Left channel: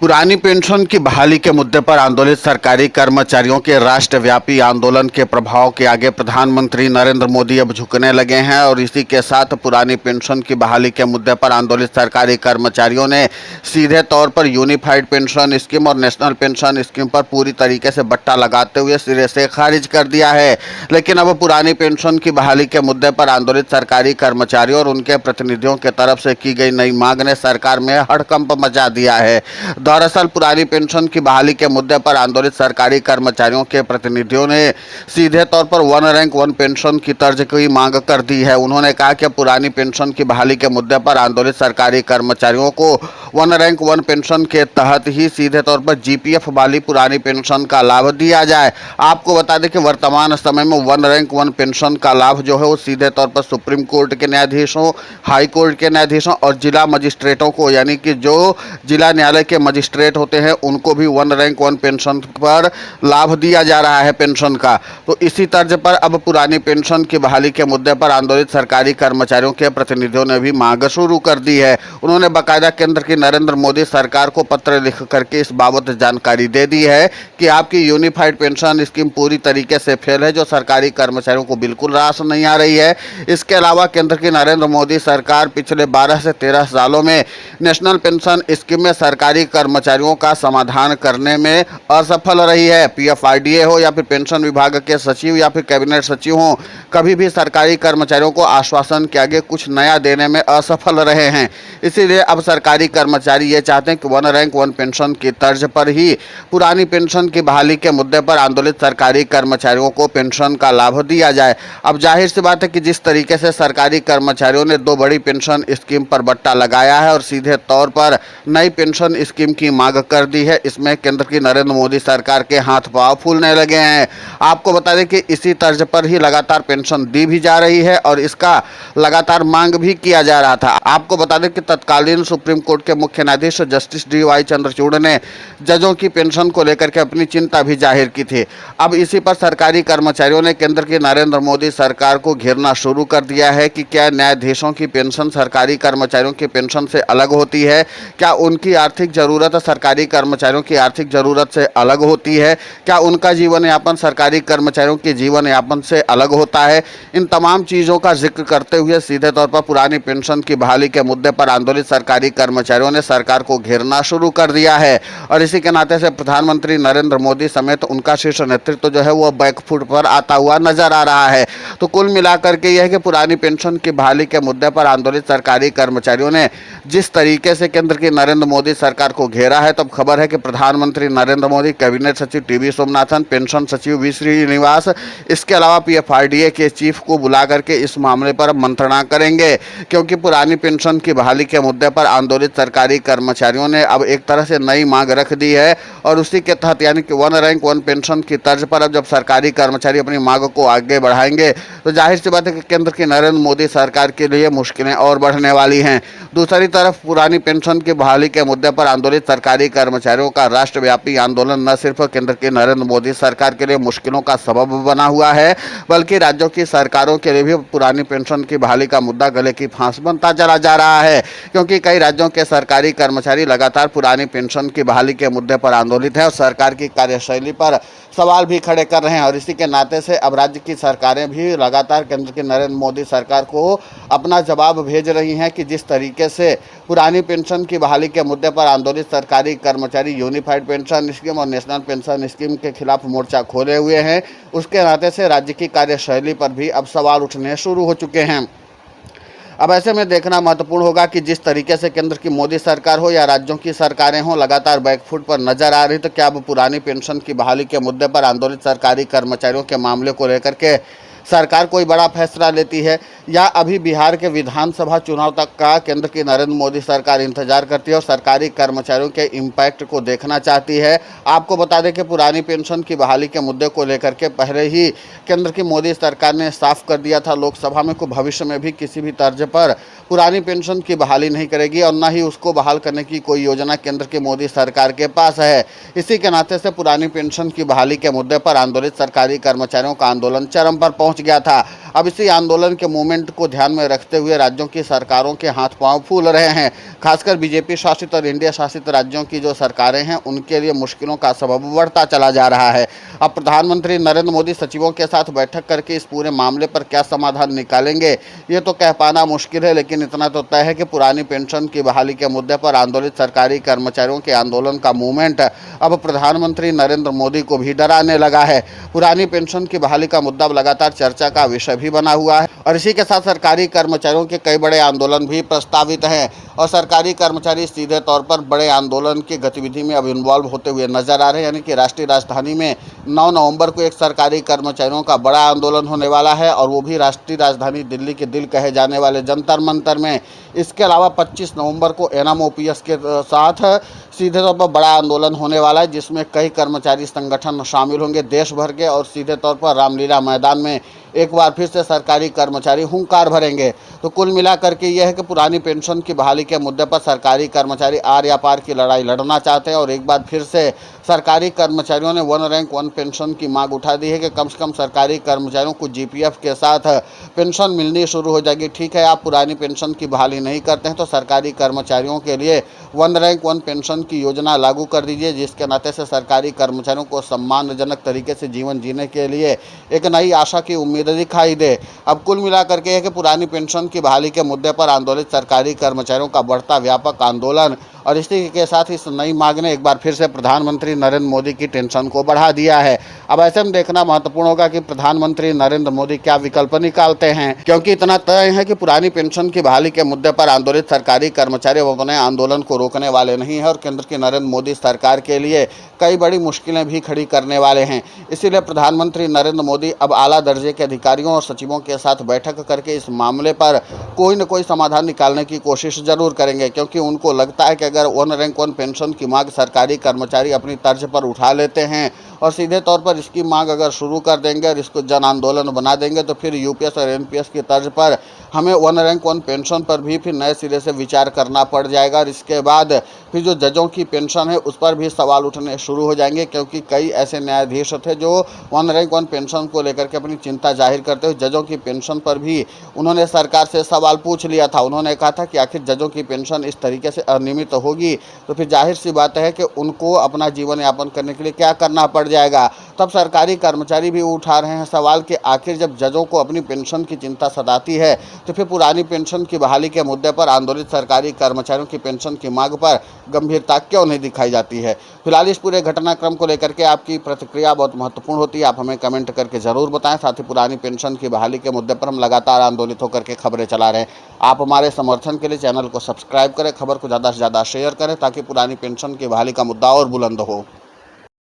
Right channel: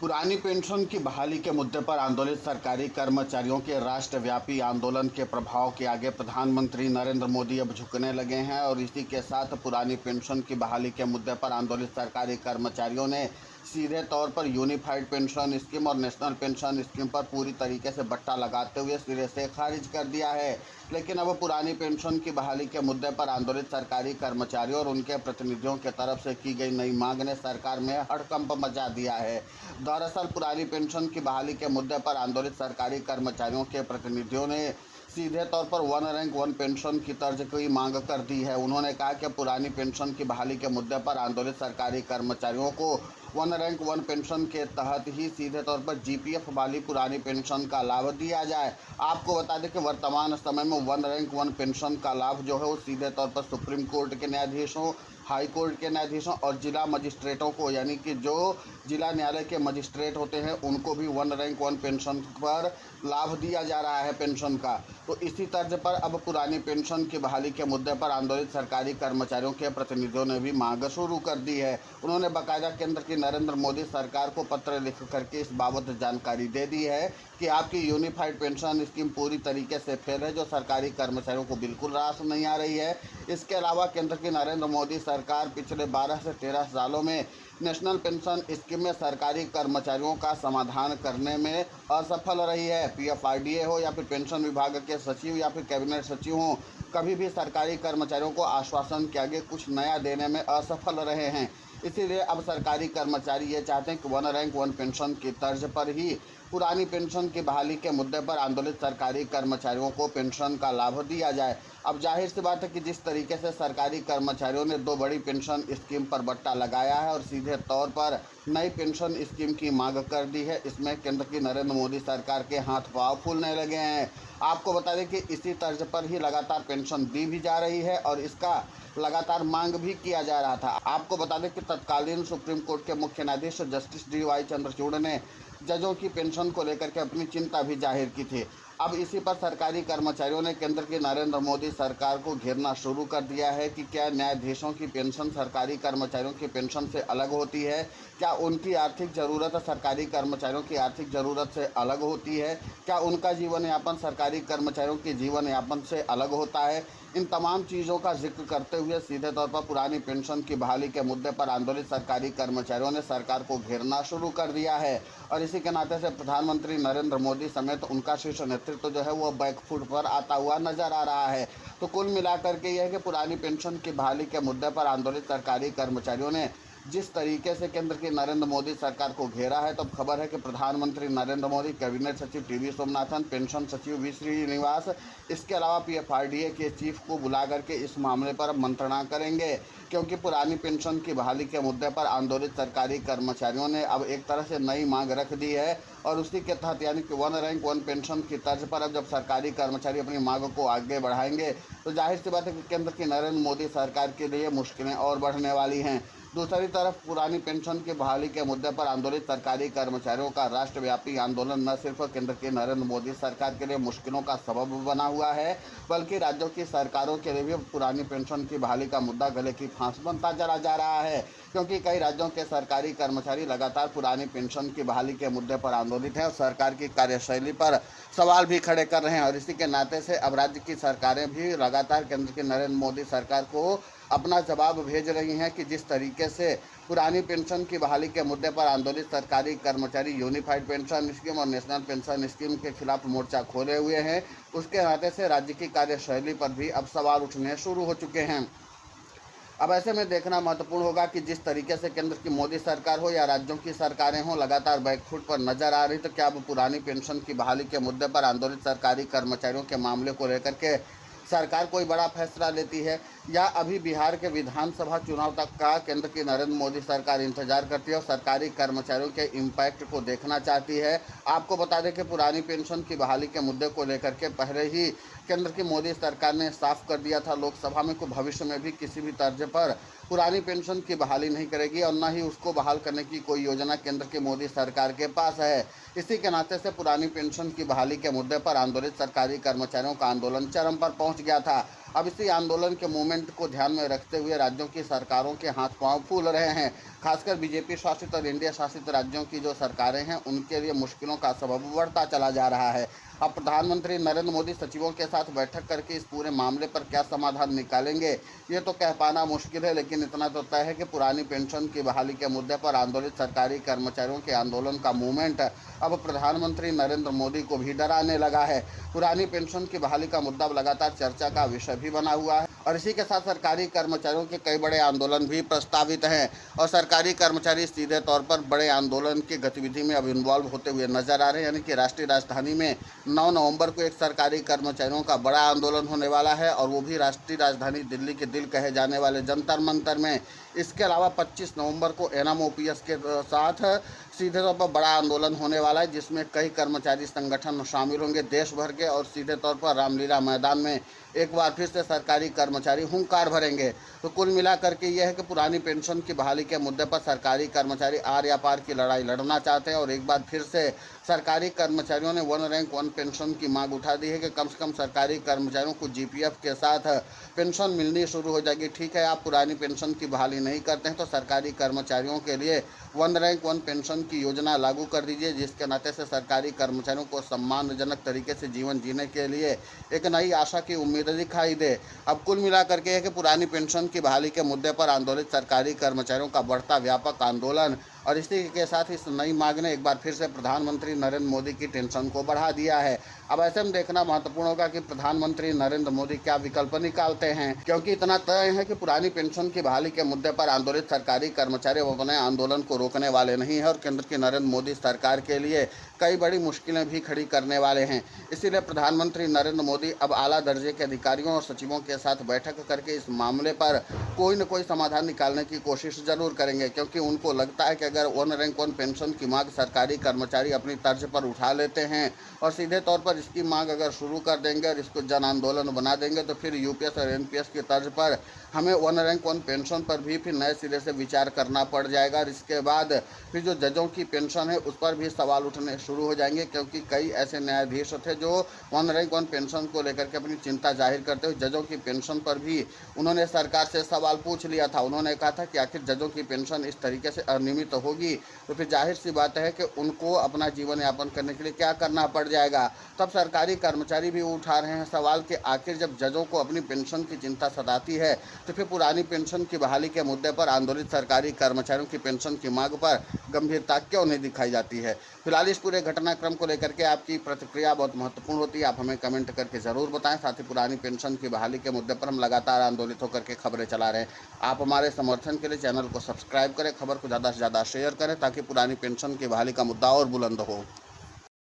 पुरानी पेंशन की बहाली के मुद्दे पर आंदोलित सरकारी कर्मचारियों के राष्ट्रव्यापी आंदोलन के प्रभाव के आगे प्रधानमंत्री नरेंद्र मोदी अब झुकने लगे हैं और इसी के साथ पुरानी पेंशन की बहाली के मुद्दे पर आंदोलित सरकारी कर्मचारियों ने सीधे तौर पर यूनिफाइड पेंशन स्कीम और नेशनल पेंशन स्कीम पर पूरी तरीके से बट्टा लगाते हुए सिरे से खारिज कर दिया है। लेकिन अब पुरानी पेंशन की बहाली के मुद्दे पर आंदोलित सरकारी कर्मचारियों और उनके प्रतिनिधियों की तरफ से की गई नई मांग ने सरकार में हड़कंप मचा दिया है। दरअसल पुरानी पेंशन की बहाली के मुद्दे पर आंदोलित सरकारी कर्मचारियों के प्रतिनिधियों ने सीधे तौर पर वन रैंक वन पेंशन की तर्ज की मांग कर दी है। उन्होंने कहा कि पुरानी पेंशन की बहाली के मुद्दे पर आंदोलित सरकारी कर्मचारियों को वन रैंक वन पेंशन के तहत ही सीधे तौर पर जीपीएफ वाली पुरानी पेंशन का लाभ दिया जाए। आपको बता दें कि वर्तमान समय में वन रैंक वन पेंशन का लाभ जो है वो सीधे तौर पर सुप्रीम कोर्ट के न्यायाधीशों, हाई कोर्ट के न्यायाधीशों और जिला मजिस्ट्रेटों को, यानी कि जो जिला न्यायालय के मजिस्ट्रेट होते हैं उनको भी वन रैंक वन पेंशन पर लाभ दिया जा रहा है पेंशन का। तो इसी तर्ज पर अब पुरानी पेंशन की बहाली के मुद्दे पर आंदोलित सरकारी कर्मचारियों के प्रतिनिधियों ने भी मांग शुरू कर दी है। उन्होंने बाकायदा केंद्र की नरेंद्र मोदी सरकार को पत्र लिख करके इस बाबत जानकारी दे दी है कि आपकी यूनिफाइड पेंशन स्कीम पूरी तरीके से फेल है, जो सरकारी कर्मचारियों को बिल्कुल रास नहीं आ रही है। इसके अलावा केंद्र की नरेंद्र मोदी सरकार पिछले 12 से 13 सालों में नेशनल पेंशन स्कीम में सरकारी कर्मचारियों का समाधान करने में असफल रही है। पीएफआरडीए हो या फिर पेंशन विभाग के सचिव या फिर कैबिनेट सचिव हो, कभी भी सरकारी कर्मचारियों को आश्वासन के आगे कुछ नया देने में असफल रहे हैं। इसीलिए अब सरकारी कर्मचारी ये चाहते हैं कि वन रैंक वन पेंशन की तर्ज पर ही पुरानी पेंशन की बहाली के मुद्दे पर आंदोलित सरकारी कर्मचारियों को पेंशन का लाभ दिया जाए। अब जाहिर सी बात है कि जिस तरीके से सरकारी कर्मचारियों ने दो बड़ी पेंशन स्कीम पर बट्टा लगाया है और सीधे तौर पर नई पेंशन स्कीम की मांग कर दी है, इसमें केंद्र की नरेंद्र मोदी सरकार के हाथ पांव फूलने लगे हैं। आपको बता दें कि इसी तर्ज पर ही लगातार पेंशन दी भी जा रही है और इसका लगातार मांग भी किया जा रहा था। आपको बता दें कि तत्कालीन सुप्रीम कोर्ट के मुख्य न्यायाधीश जस्टिस DY चंद्रचूड़ ने जजों की पेंशन को लेकर के अपनी चिंता भी जाहिर की थी। अब इसी पर सरकारी कर्मचारियों ने केंद्र की नरेंद्र मोदी सरकार को घेरना शुरू कर दिया है कि क्या न्यायाधीशों की पेंशन सरकारी कर्मचारियों की पेंशन से अलग होती है, क्या उनकी आर्थिक जरूरत सरकारी कर्मचारियों की आर्थिक जरूरत से अलग होती है, क्या उनका जीवन यापन सरकारी कर्मचारियों के जीवन यापन से अलग होता है। इन तमाम चीज़ों का जिक्र करते हुए सीधे तौर पर पुरानी पेंशन की बहाली के मुद्दे पर आंदोलित सरकारी कर्मचारियों ने सरकार को घेरना शुरू कर दिया है और इसी के नाते से प्रधानमंत्री नरेंद्र मोदी समेत उनका शीर्ष नेतृत्व जो है वो बैकफुट पर आता हुआ नजर आ रहा है। तो कुल मिलाकर के यह है कि पुरानी पेंशन की बहाली के मुद्दे पर आंदोलित सरकारी कर्मचारियों ने जिस तरीके से केंद्र की नरेंद्र मोदी सरकार को घेरा है, तो खबर है कि प्रधानमंत्री नरेंद्र मोदी, कैबिनेट सचिव टीवी सोमनाथन, पेंशन सचिव वी श्रीनिवास, इसके अलावा पीएफआरडीए के चीफ को बुला करके इस मामले पर मंत्रणा करेंगे, क्योंकि पुरानी पेंशन की बहाली के मुद्दे पर आंदोलित सरकारी कर्मचारियों ने अब एक तरह से नई मांग रख दी है और उसी के तहत यानी कि वन रैंक वन पेंशन की तर्ज पर अब जब सरकारी कर्मचारी अपनी मांग को आगे बढ़ाएंगे तो जाहिर सी बात है कि केंद्र की नरेंद्र मोदी सरकार के लिए मुश्किलें और बढ़ने वाली हैं। दूसरी तरफ पुरानी पेंशन की बहाली के मुद्दे पर आंदोलित सरकारी कर्मचारियों का राष्ट्रव्यापी आंदोलन न सिर्फ केंद्र की नरेंद्र मोदी सरकार के लिए मुश्किलों का सबब बना हुआ है, बल्कि राज्यों की सरकारों के लिए भी पुरानी पेंशन की बहाली का मुद्दा गले की फांस बनता चला जा रहा है, क्योंकि कई राज्यों के सरकारी कर्मचारी लगातार पुरानी पेंशन की बहाली के मुद्दे पर आंदोलित है और सरकार की कार्यशैली पर सवाल भी खड़े कर रहे हैं। और इसी के नाते से अब राज्य की सरकारें भी लगातार केंद्र की नरेंद्र मोदी सरकार को अपना जवाब भेज रही हैं कि जिस तरीके से पुरानी पेंशन की बहाली के मुद्दे पर आंदोलित सरकारी कर्मचारी यूनिफाइड पेंशन स्कीम और नेशनल पेंशन स्कीम के खिलाफ मोर्चा खोले हुए हैं, उसके नाते से राज्य की कार्यशैली पर भी अब सवाल उठने शुरू हो चुके हैं। अब ऐसे में देखना महत्वपूर्ण होगा कि जिस तरीके से केंद्र की मोदी सरकार हो या राज्यों की सरकारें हों लगातार बैकफुट पर नजर आ रही, तो क्या अब पुरानी पेंशन की बहाली के मुद्दे पर आंदोलित सरकारी कर्मचारियों के मामले को लेकर के सरकार कोई बड़ा फैसला लेती है, या अभी बिहार के विधानसभा चुनाव तक का केंद्र की नरेंद्र मोदी सरकार इंतजार करती है और सरकारी कर्मचारियों के इम्पैक्ट को देखना चाहती है। आपको बता दें कि पुरानी पेंशन की बहाली के मुद्दे को लेकर के पहले ही केंद्र की मोदी सरकार ने साफ कर दिया था लोकसभा में कि भविष्य में भी किसी भी तर्ज पर पुरानी पेंशन की बहाली नहीं करेगी और न ही उसको बहाल करने की कोई योजना केंद्र की मोदी सरकार के पास है। इसी के नाते से पुरानी पेंशन की बहाली के मुद्दे पर आंदोलित सरकारी कर्मचारियों का आंदोलन चरम पर पहुंच गया था। अब इसी आंदोलन के मूवमेंट को ध्यान में रखते हुए राज्यों की सरकारों के हाथ पांव फूल रहे हैं। खासकर बीजेपी शासित और इंडिया शासित राज्यों की जो सरकारें हैं उनके लिए मुश्किलों का सबब बढ़ता चला जा रहा है। अब प्रधानमंत्री नरेंद्र मोदी सचिवों के साथ बैठक करके इस पूरे मामले पर क्या समाधान निकालेंगे ये तो कह पाना मुश्किल है, लेकिन इतना तो तय है कि पुरानी पेंशन की बहाली के मुद्दे पर आंदोलित सरकारी कर्मचारियों के आंदोलन का मूवमेंट अब प्रधानमंत्री नरेंद्र मोदी को भी डराने लगा है। पुरानी पेंशन की बहाली का मुद्दा अब लगातार चर्चा का विषय भी बना हुआ है और इसी के साथ सरकारी कर्मचारियों के कई बड़े आंदोलन भी प्रस्तावित हैं और सरकारी कर्मचारी सीधे तौर पर बड़े आंदोलन की गतिविधि में अब इन्वॉल्व होते हुए नजर आ रहे हैं। यानी कि राष्ट्रीय राजधानी में 9 नवंबर को एक सरकारी कर्मचारियों का बड़ा आंदोलन होने वाला है और वो भी राष्ट्रीय राजधानी दिल्ली के दिल कहे जाने वाले जंतर मंतर में। इसके अलावा 25 नवंबर को एनएमओपीएस के साथ सीधे तौर पर बड़ा आंदोलन होने वाला है, जिसमें कई कर्मचारी संगठन शामिल होंगे देश भर के और सीधे तौर पर रामलीला मैदान में एक बार फिर से सरकारी कर्मचारी हुंकार भरेंगे। तो कुल मिलाकर के यह है कि पुरानी पेंशन की बहाली के मुद्दे पर सरकारी कर्मचारी आर या पार की लड़ाई लड़ना चाहते हैं और एक बार फिर से सरकारी कर्मचारियों ने वन रैंक वन पेंशन की मांग उठा दी है कि कम से कम सरकारी कर्मचारियों को जीपीएफ के साथ पेंशन मिलनी शुरू हो जाएगी। ठीक है, आप पुरानी पेंशन की बहाली नहीं करते हैं तो सरकारी कर्मचारियों के लिए वन रैंक वन पेंशन की योजना लागू कर दीजिए, जिसके नाते से सरकारी कर्मचारियों को सम्मानजनक तरीके से जीवन जीने के लिए एक नई आशा की उम्मीद दिखाई दे। अब कुल मिलाकर के है कि पुरानी पेंशन की बहाली के मुद्दे पर आंदोलित सरकारी कर्मचारियों का बढ़ता व्यापक आंदोलन और इसी के साथ इस नई मांग ने एक बार फिर से प्रधानमंत्री नरेंद्र मोदी की टेंशन को बढ़ा दिया है। अब ऐसे में देखना महत्वपूर्ण होगा कि प्रधानमंत्री नरेंद्र मोदी क्या विकल्प निकालते हैं, क्योंकि इतना तय है कि पुरानी पेंशन की बहाली के मुद्दे पर आंदोलित सरकारी कर्मचारी अपने आंदोलन को रोकने वाले नहीं है और केंद्र की नरेंद्र मोदी सरकार के लिए कई बड़ी मुश्किलें भी खड़ी करने वाले हैं। इसीलिए प्रधानमंत्री नरेंद्र मोदी अब आला दर्जे के अधिकारियों और सचिवों के साथ बैठक करके इस मामले पर कोई न कोई समाधान निकालने की कोशिश जरूर करेंगे, क्योंकि उनको लगता है कि अगर वन रैंक वन पेंशन की मांग सरकारी कर्मचारी अपनी तर्ज पर उठा लेते हैं और सीधे तौर पर इसकी मांग अगर शुरू कर देंगे और इसको जन आंदोलन बना देंगे तो फिर यूपीएस और एनपीएस की तर्ज पर हमें वन रैंक वन पेंशन पर भी फिर नए सिरे से विचार करना पड़ जाएगा और इसके बाद फिर जो जजों की पेंशन है उस पर भी सवाल उठने शुरू हो जाएंगे, क्योंकि कई ऐसे न्यायाधीश थे जो वन रैंक वन पेंशन को लेकर के अपनी चिंता जाहिर करते हुए जजों की पेंशन पर भी उन्होंने सरकार से सवाल पूछ लिया था। उन्होंने कहा था कि आखिर जजों की पेंशन इस तरीके से अनियमित होगी तो फिर जाहिर सी बात है कि उनको अपना जीवन यापन करने के लिए क्या करना पड़ जाएगा। तब सरकारी कर्मचारी भी उठा रहे हैं सवाल कि आखिर जब जजों को अपनी पेंशन की चिंता सताती है तो फिर पुरानी पेंशन की बहाली के मुद्दे पर आंदोलित सरकारी कर्मचारियों की पेंशन की मांग पर गंभीरता क्यों नहीं दिखाई जाती है। फिलहाल इस पूरे घटनाक्रम को लेकर के आपकी प्रतिक्रिया बहुत महत्वपूर्ण होती है, आप हमें कमेंट करके जरूर बताएं। साथ ही पुरानी पेंशन की बहाली के मुद्दे पर हम लगातार आंदोलित होकर के खबरें चला रहे हैं। आप हमारे समर्थन के लिए चैनल को सब्सक्राइब करें, खबर को ज़्यादा से ज़्यादा शेयर करें ताकि पुरानी पेंशन की बहाली का मुद्दा और बुलंद हो।